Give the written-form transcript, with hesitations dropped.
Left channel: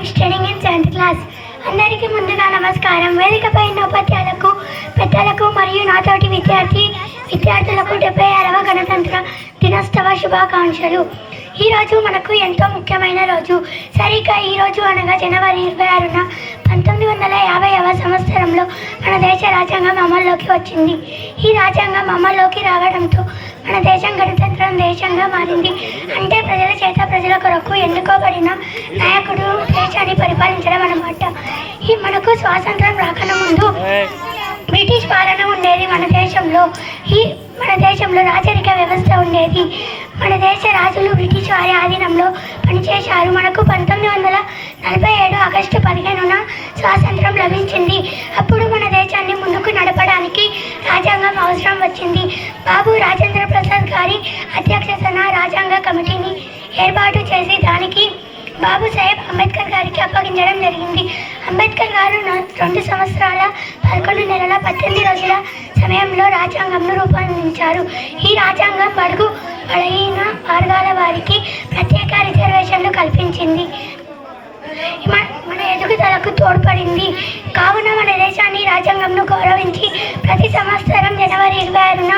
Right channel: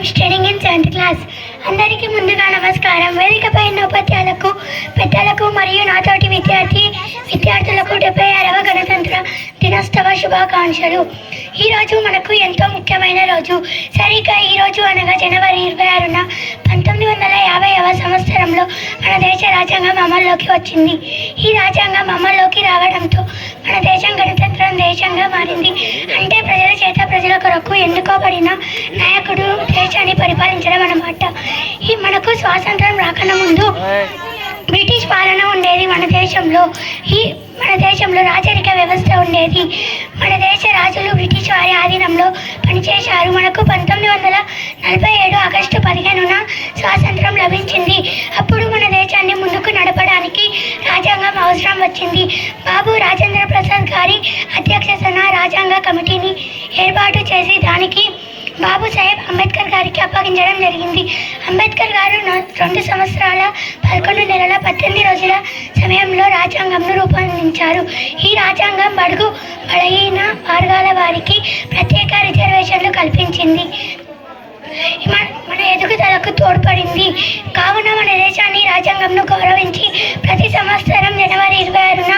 am studying in 7th class. అందరికీ ముందుగా నమస్కారం. వేదికపై ఉన్న ఉపాధ్యాయులకు, పెద్దలకు మరియు నాతోటి విద్యార్థులకు 76వ గణతంత్ర దినోత్సవ శుభాకాంక్షలు. ఈరోజు మనకు ఎంతో ముఖ్యమైన రోజు. సరిగ్గా ఈరోజు అనగా జనవరి 26న 1950వ సంవత్సరంలో మన దేశ రాజ్యాంగం అమల్లోకి వచ్చింది. ఈ రాజ్యాంగం అమల్లోకి రావడంతో మన దేశం గణతంత్ర దేశంగా మారింది. అంటే ప్రజల చేత ప్రజల కొరకు ఎన్నుకోబడిన నాయకుడు దేశాన్ని పరిపాలించడం అన్నమాట. ఈ మనకు స్వాతంత్రం రాకన ముందు బ్రిటిష్ పాలన ఉండేది మన దేశంలో రాజరిక వ్యవస్థ ఉండేది. మన దేశ రాజులు బ్రిటిష్ వారి ఆధీనంలో పనిచేశారు. మనకు 1947 ఆగస్టు 15న స్వాతంత్రం లభించింది. అప్పుడు మన దేశాన్ని ముందుకు నడపడానికి రాజ్యాంగం అవసరం వచ్చింది. బాబు రాజేంద్ర ప్రసాద్ గారి అధ్యక్షతన రాజ్యాంగ కమిటీని ఏర్పాటు చేసి దానికి బాబు సాహెబ్ అంబేద్కర్ గారికి అప్పగించడం జరిగింది. అంబేద్కర్ గారు 2 సంవత్సరాల 11 నెలల 18 రోజుల సమయంలో రాజ్యాంగంను రూపొందించారు. ఈ రాజ్యాంగం బడుగు బలహీన వర్గాల వారికి ప్రత్యేక రిజర్వేషన్లు కల్పించింది. మన ఎదుగుదలకు తోడ్పడింది. కావున మన దేశాన్ని రాజ్యాంగంను గౌరవించి ప్రతి సంవత్సరం జనవరి 26న